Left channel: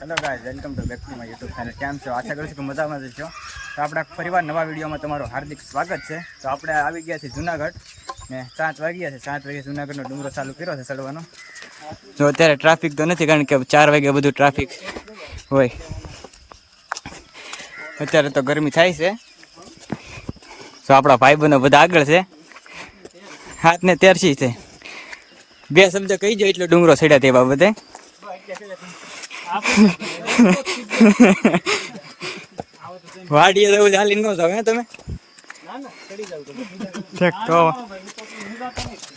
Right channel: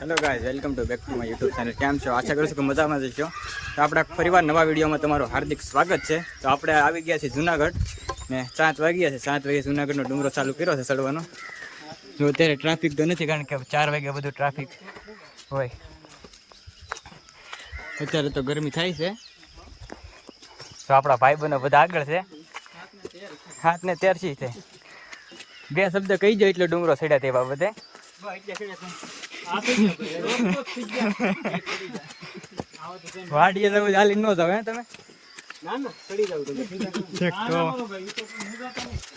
Hello guys, welcome to back to my YouTube channel. કેમ છો? આશા કરું છું કે મજામાં જ છો. તો આપણે ફરીવાર નવા વિડીયોમાં તમારું હાર્દિક સ્વાગત છે. તો આપણે આવી ગયા છીએ જુનાગઢ ને 7 વાગ્યા છે. 7 વાગે જુનાગઢનો ડુંગરો ચાલુ કર્યો છે ચડવાનો. જો અત્યારે ટ્રાફિક તો નથી, કારણ કે 4 વાગે બધું ટ્રાફિક હોય. અત્યારે તો ગરમી થાય છે. તો આપણા ભાઈબંધો બધા આગળ છે, હાથને તેરસી છે. 2 શબ્દ કહી જાય એટલે ડુંગરો ચડ્યા તે બાબતે. વાડીએ જવું ચાલી ન જાવ તમે? તો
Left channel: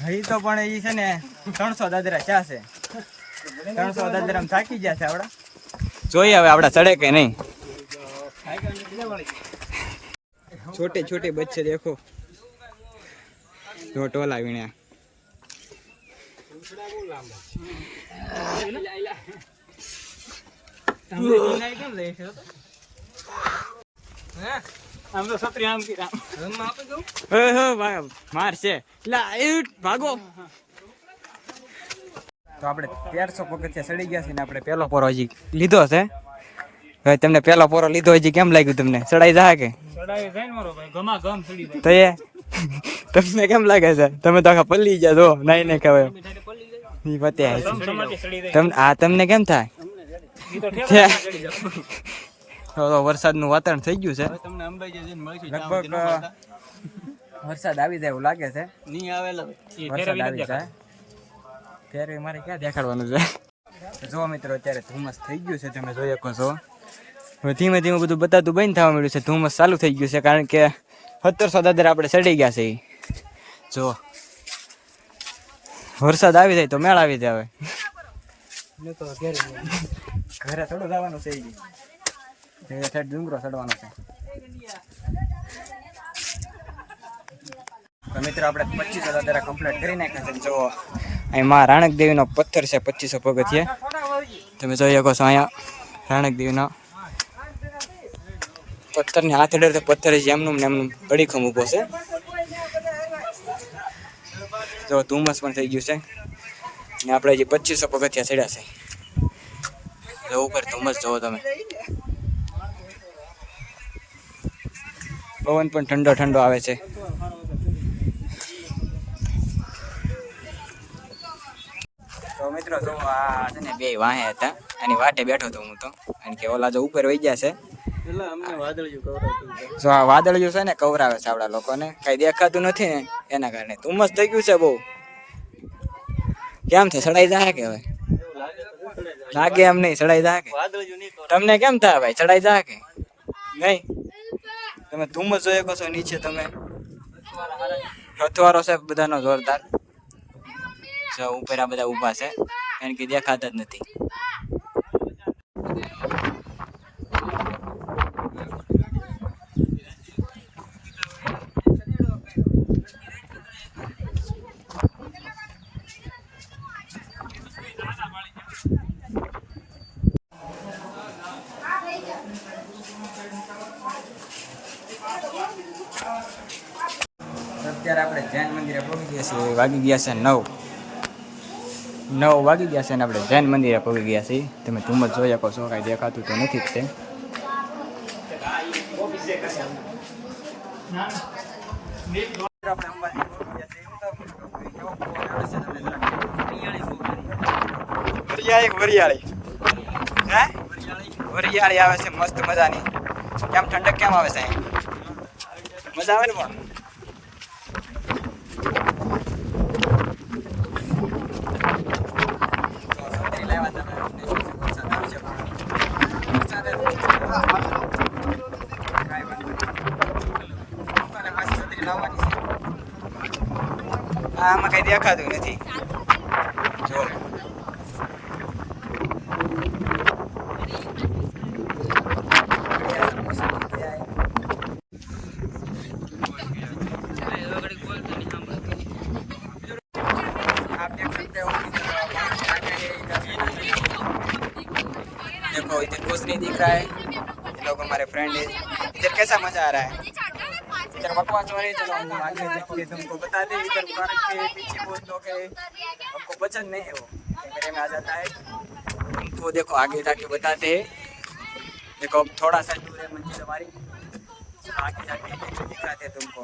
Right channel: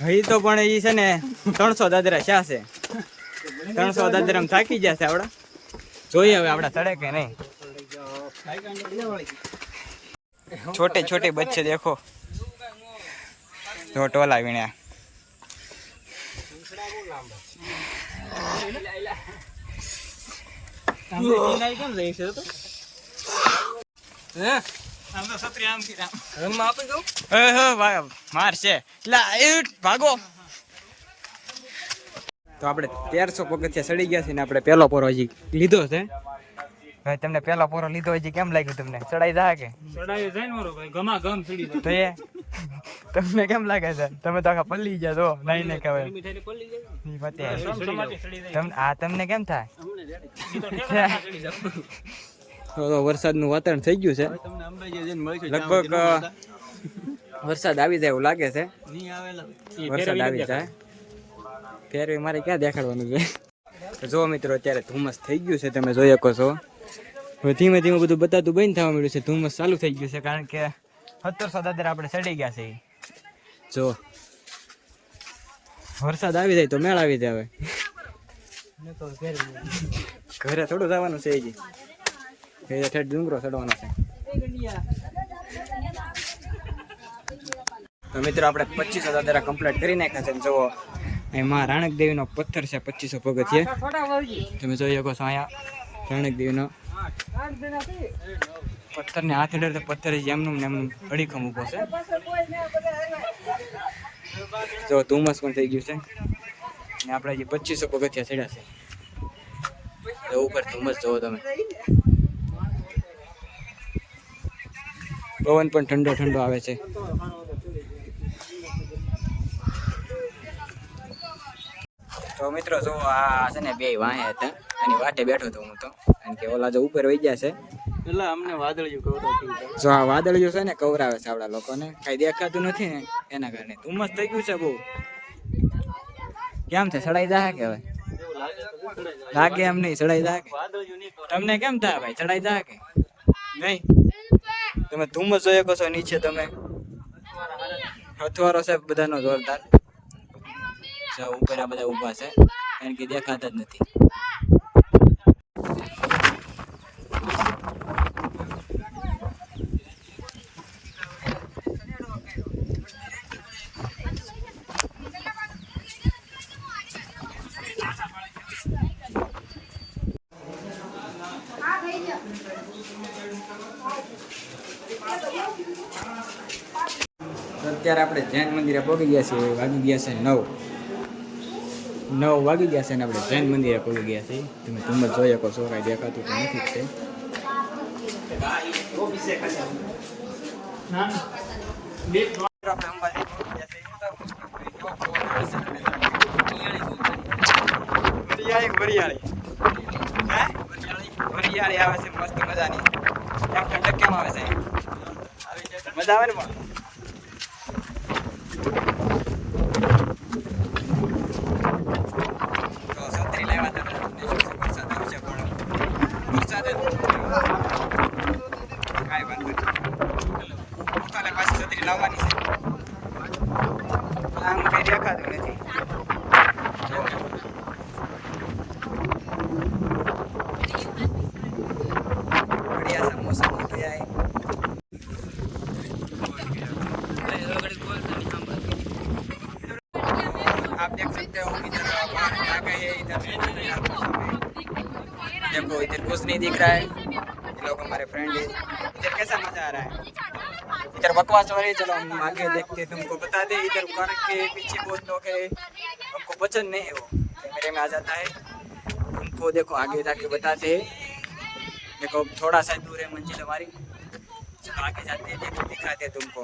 હઈ તો પણ એ છે ને 300 દાદરા ચા છે. 300 દાદરા થાકી ગયા છે આવડા. જોઈએ હવે આવડા ચડે કે નહીં. छोटे छोटे बच्चे देखो, जो टोला वीण्या मार से भागो. तो આપણે 1300 પગથિયા ચડી ગયા છે ને આપણે પહેલો પોરો હજી લીધો છે. હવે તમને પહેલો પોરો લીધો હજી કેમ લાગ્યું તમને? ચડાઈ જાય કે? ચડાઈ જાય ને મારો ભાઈ, ગમા ગમ ચડી જાય. તો એ તમને કેમ લાગે છે? તમે તો આખા પલ્લી ગયા છો. નહીં નહીં કહેવાય ઈ પતે. તમને કેમ થાય? તો વરસાદનું વાતાવરણ થઈ ગયું છે. લગભગ વરસાદ આવી જાય એવું લાગે છે. વરસાદ આવી જાય ફેરવી મારે ક્યાં દેખાડવાનું છે? તો જો મિત્રો, અત્યારે ધુમ્મસ થઈ ગયું છે, તમે જોઈ શકો છો. હવે ધીમે ધીમે બધું બતાતું બંધ થવા મળ્યું છે. ધુમ્મસ ચાલુ થઈ ગયું છે, કારણ કે 1700 દાદરા આપણે ચડી ગયા છે. જો વરસાદ આવી જાય તો મેળ આવી જાય. હવે ઘરે થોડું જવાનું છે, હજી ઠેઠ ડુંગરો ચડવાનો છે. તો મિત્રો આપણે 2500 દાદરા કમ્પ્લીટ કરી નાખ્યા છે. જો અહીં માં રાણક દેવીનો પથ્થર છે, 2500 પગથિયે તમે જોઈ શકો છો. અહીંયા રાણક દેવીનો પથ્થરને હાથ અડે તો પથ્થર એમનું ને એમનું અડીખમ ઊભો છે. જો ધુમ્મસ પણ થઈ ગયું છે ને આપણે હજી 2500 પગથિયા ચડ્યા છે. ઉપર ધુમ્મસ જોવો તમે. પવન પણ ઠંડો ઠંડો આવે છે. તો મિત્રો જો આ છે ને 2 વાહે હતા, આની વાટે બેઠો હતો હું તો, કારણ કે ઓલા જો ઉપર વહી ગયા છે. એટલે અમને વાદળિયું કવરાવતી છે. જો આ વાદળિયું છે ને કવરાવે છે આવડા લોકોને, કઈ દેખાતું નથી ને એના કારણે. ધુમ્મસ થઈ ગયું છે બહુ. કેમ છે? ચડાઈ જાય કે? હવે લાગે એમ નહીં ચડાઈ જાય કે? તમને કેમ થાય ભાઈ? ચડાઈ જાય કે નહીં? તમે ધુમ્મસ જોઈ શકો છો નીચે. તમે હથવારો છે બધાનો જોરદાર. ઉપર આ બધા ઊભા છે, કારણ કે દેખાતા જ નથી. અત્યારે આપણે જૈન મંદિરે પહોંચી ગયા છીએ. વાગી ગયા છે 9 વાગી ગયા છે ને આપણે જૈન મંદિરે પહોંચી ગયા છીએ. તમે ધુમ્મસ જોઈ શકો છો, કાંઈ દેખાતું તો નથી જ તે. વરિયાળી આવે છે મસ્ત મજાની. કેમ ઠંડક કેમ આવે છે? મજા આવે ને પણ. પાછી છત્રી લાવવાની છે. આમાં કઈ દેખાતું નથી. आप देख सकते हो इधर पानी आ गए हैं. इधर देखो, इधर कुछ नहीं दिख रहा है. ये लोग हमारे फ्रेंड है. इधर कैसा मजा आ रहा है? इधर बकवास हो रही है. चलो हम आगे देखते तुमको बता दे. इधर पार्क के पीछे बहुत लोग है, हमको पसंद नहीं है वो कैमरे में आ जाता है। तुमको देखो आगे जाके बताते हैं। देखो अब थोड़ा सा दूर है मंजिल हमारी, चलो आगे जाते हैं, देखो दिखाते हैं तुमको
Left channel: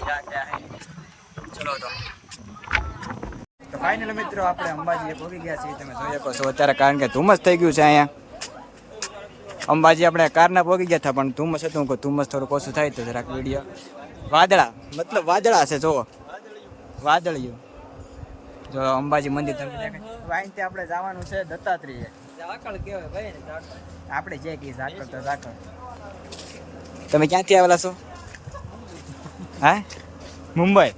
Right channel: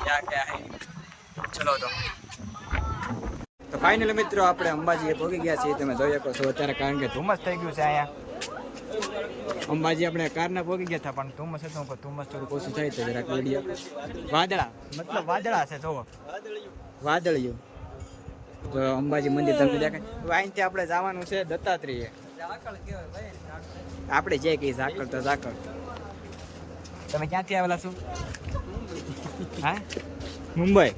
क्या क्या है। चलो तो फाइनल મિત્રો આપણે અંબાજીએ પહોંચી ગયા છીએ। તમે જોઈ શકો છો અત્યારે કારણ કે ધુમ્મસ થઈ ગયું છે અહીંયા અંબાજી। આપણે કારના પહોંચી ગયા હતા પણ ધુમ્મસ હતું કે ધુમ્મસ થોડુંક ઓછું થાય તો જરાક વિડીયો વાદળા મતલબ વાદળા છે જુઓ વાદળિયું જો અંબાજી મંદિર તમને દેખાય। હવે અહીંથી આપણે જવાનું છે દત્તાત્રેય। આપણે જે કહીએ ઝાકળ તો ઝાકળ। તમે ક્યાંથી આવેલા છો? હા મુંબઈ।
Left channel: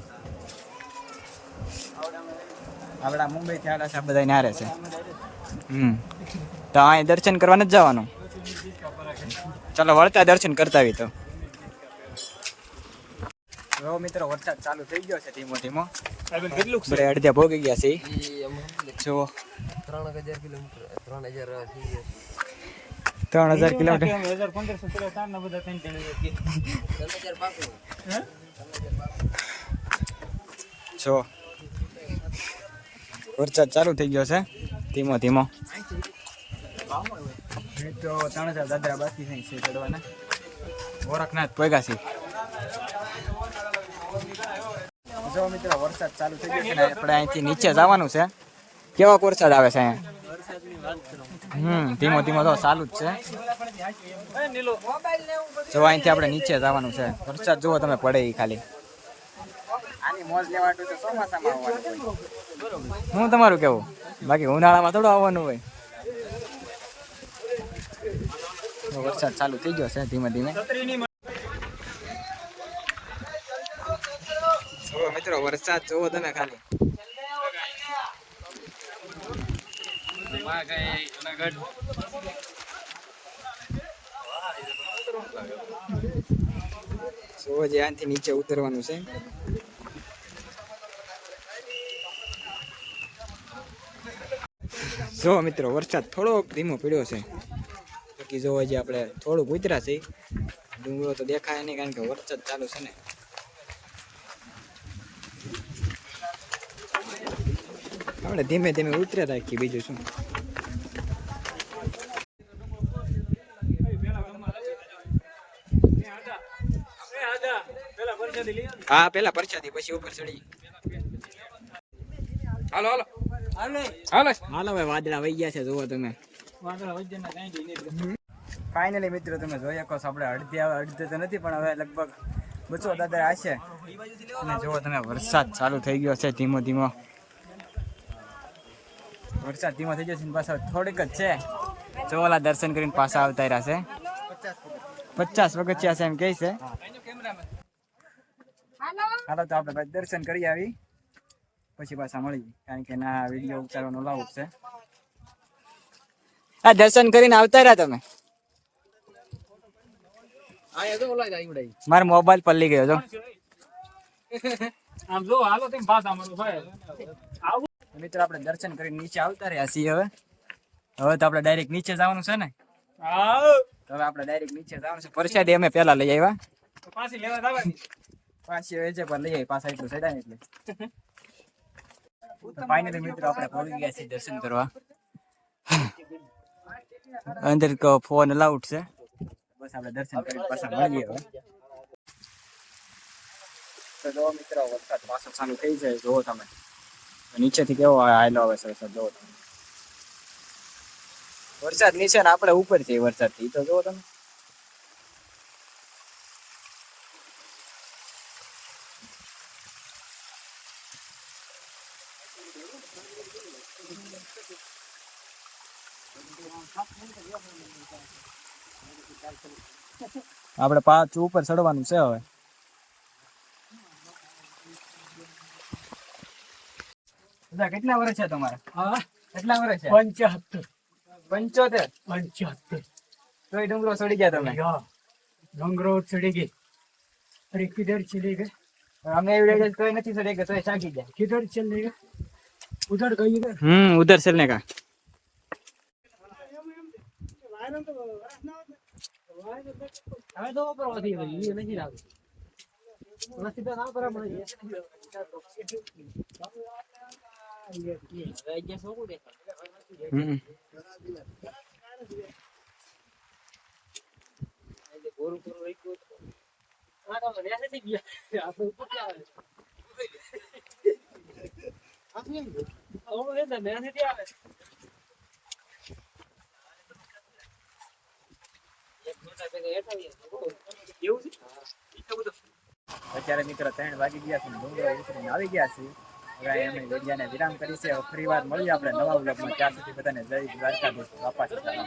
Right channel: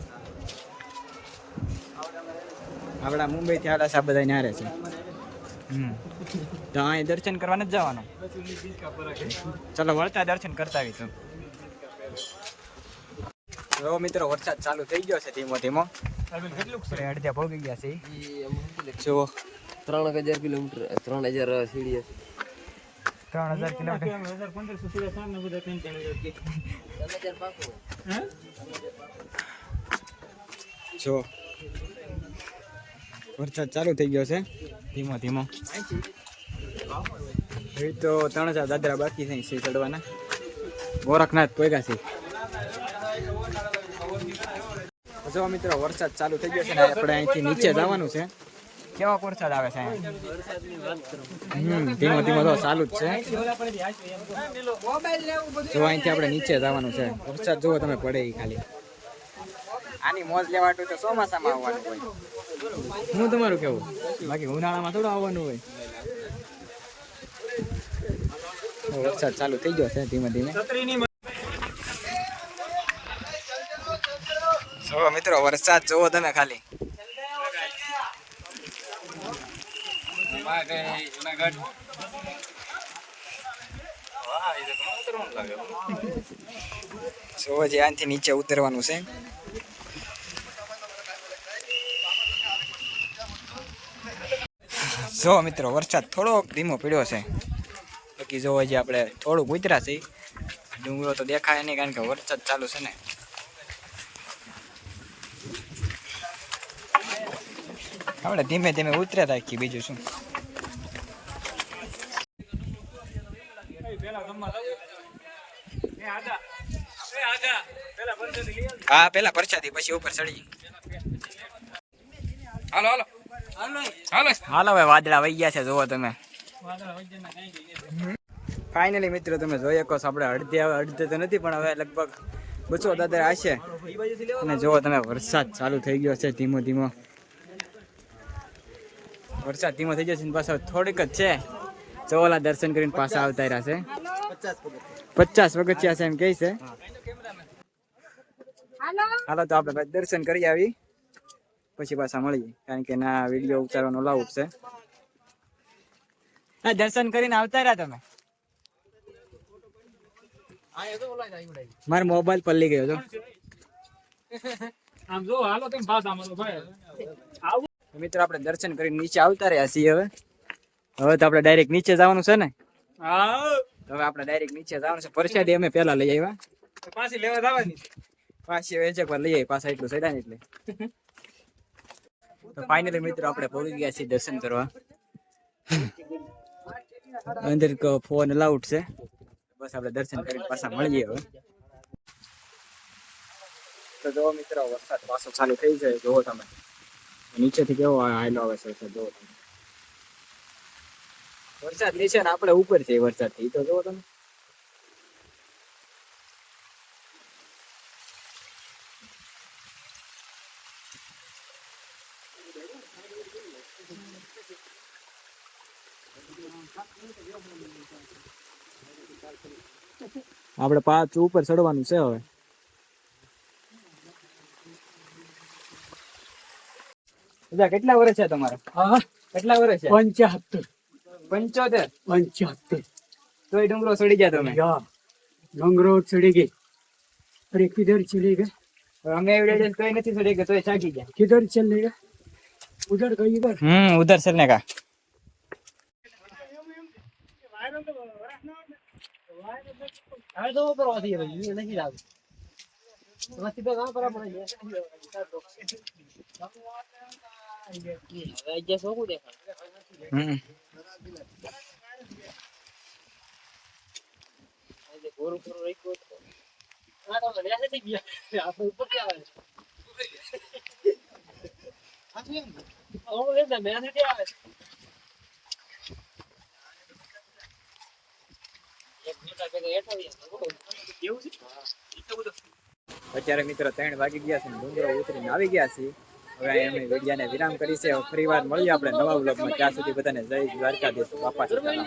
આપણા મુંબઈથી આવેલા છે આ બધા નારે છે। તો અહીં દર્શન કરવા નથી જવાનું? ચાલો વળતા દર્શન કરતા આવી તો મિત્રો વરસાદ ચાલુ થઈ ગયો છે ધીમો ધીમો। આપણે અડધા ભોગી ગયા છે જો 3000 કિલોમીટર 3000 સીડી 3000 કિલોમીટર જો વરસાદ ચાલુ થઈ ગયો છે ધીમો ધીમો। એ તો 3000 દાદરા બાકી છે ચડવાના। ગોરખનાથ પોગ્યા છે। જો મિત્રો વરસાદ ચાલુ થઈ ગયો છે ને આપણે અહીંથી નીચે જવાનું છે। કેવો વરસાદ આવે છે અહીંયા? ધીમો ધીમો તો ચાલુ જ છે। જો અહીંથી આપણે નીચે જવાનું છે। વરસાદ જુઓ તમે પડે એ ખાલી। આની મોજ લેવાટું તો ચોમાસામાં આવવાનું હોય। હું તમારું કેવું બાકી ઉનાળામાં થોડું આવવાનું હોય। વરસાદ ચાલુ થઈ ગયો છે ધીમે ધીમે। જો મિત્રો વરસાદ જોવો તમે ખાલી। જો જે આથી નીચે ઉતરવાનું છે। જો મિત્રો વરસાદ થોડોક ધીમો પડ્યો છે બાકી જો હજી આપણે થોડુંક ઉતર્યા છે। ડુંગરો તો દેખાય નહીં કારણ કે વરસાદ ચાલુ છે ને। આપણે ધીમે ધીમે ઉતર્યા રાખીએ બીજું શું। હા પેલા પરસાદી પછી ઉપર ચડી। હાલો હાલો હાલો હાલો ભાઈ વાદળા વહી ગયા છે જુઓ તમે। ફાઇનલી મિત્રો તમે જોઈ શકો છો આપણે અડધે તો નથી પણ હવે લગભગ 200 દાદર હશે। અને જુઓ તમે વરસાદ ચાલુ થઈ ગયો છે ધીમો ધીમો। વરસાદ ધીમો થઈ ગયો છે પાછો થોડીક જ છે। ચોલા દર્શન કરીને પાછા આવતા રહ્યા છે। 50 પગથિયા છે એમ કહે છે। હાલો તો આપણે દર્શન કરી આવી પછી પાછા મળીએ કારણ કે ના વિડીયો ઉતારવાનો લાવું છે। હા દર્શન કરીને આવતા રહ્યા તમે? મારો મોબાઈલ પલ્લી ગયો છો। મિત્રો આપણે દર્શન કરીને નીચે આવતા રહ્યા છીએ। હવે તો આપણે ડાયરેક્ટ નીચે જવાનું છે ને? તો હવે આપણે ડાયરેક્ટ નીચે જવાનું છે। પ્રસાદી અમે પેલા લઈ આવ્યા પાછી લેવા જવાની પાછી વેચે પર લઈ આવી પાછા એટલું સડ્યા ને એટલે। તો ફાઇનલી મિત્રો આપણે પહોંચી ગયા છીએ દર્શન કરવા। અંદર ફોન અલાઉડ છે બસ આપણે દર્શન કરીને પાછા મળીએ હવે। તો જો મિત્રો વરસાદ પાછો ચાલુ થઈ જાય જોવો તમે નીચેથી કેવો આયલો આવે છે વરસાદ જોવો તમે। વરસાદ નીચે ને આપણે ઉપર છે વરસાદ થી તો જોવો તમે। આપણે પાછું ઉપર ચડવાનું છે હવે। કેટલા વર્ષ છે તમારે? કેટલા વર્ષ છે? 75 તોય ડુંગરો ચડી ગયા તમે? डोंगरो चढ़ी गई। अरे किधर चले गए? અમે એવડે તોય નથી ચડી ગયા તોય ચાગી ગયા। किधर चले गए? उधर गई गए। उधर चलने का। હમ અત્યારે મિત્રો 3 વાગી ગયા છે ને ડુંગરો ઉતરીને આવી ગયા છીએ. હવે અમે વિડિયાને વિરામ કરી છે. ફરી વાર મળીએ આપણે નવા વ્લોગમાં. ત્યાં સુધી બધાને જય દ્વારકાધીશ. બાપા સીતારામ.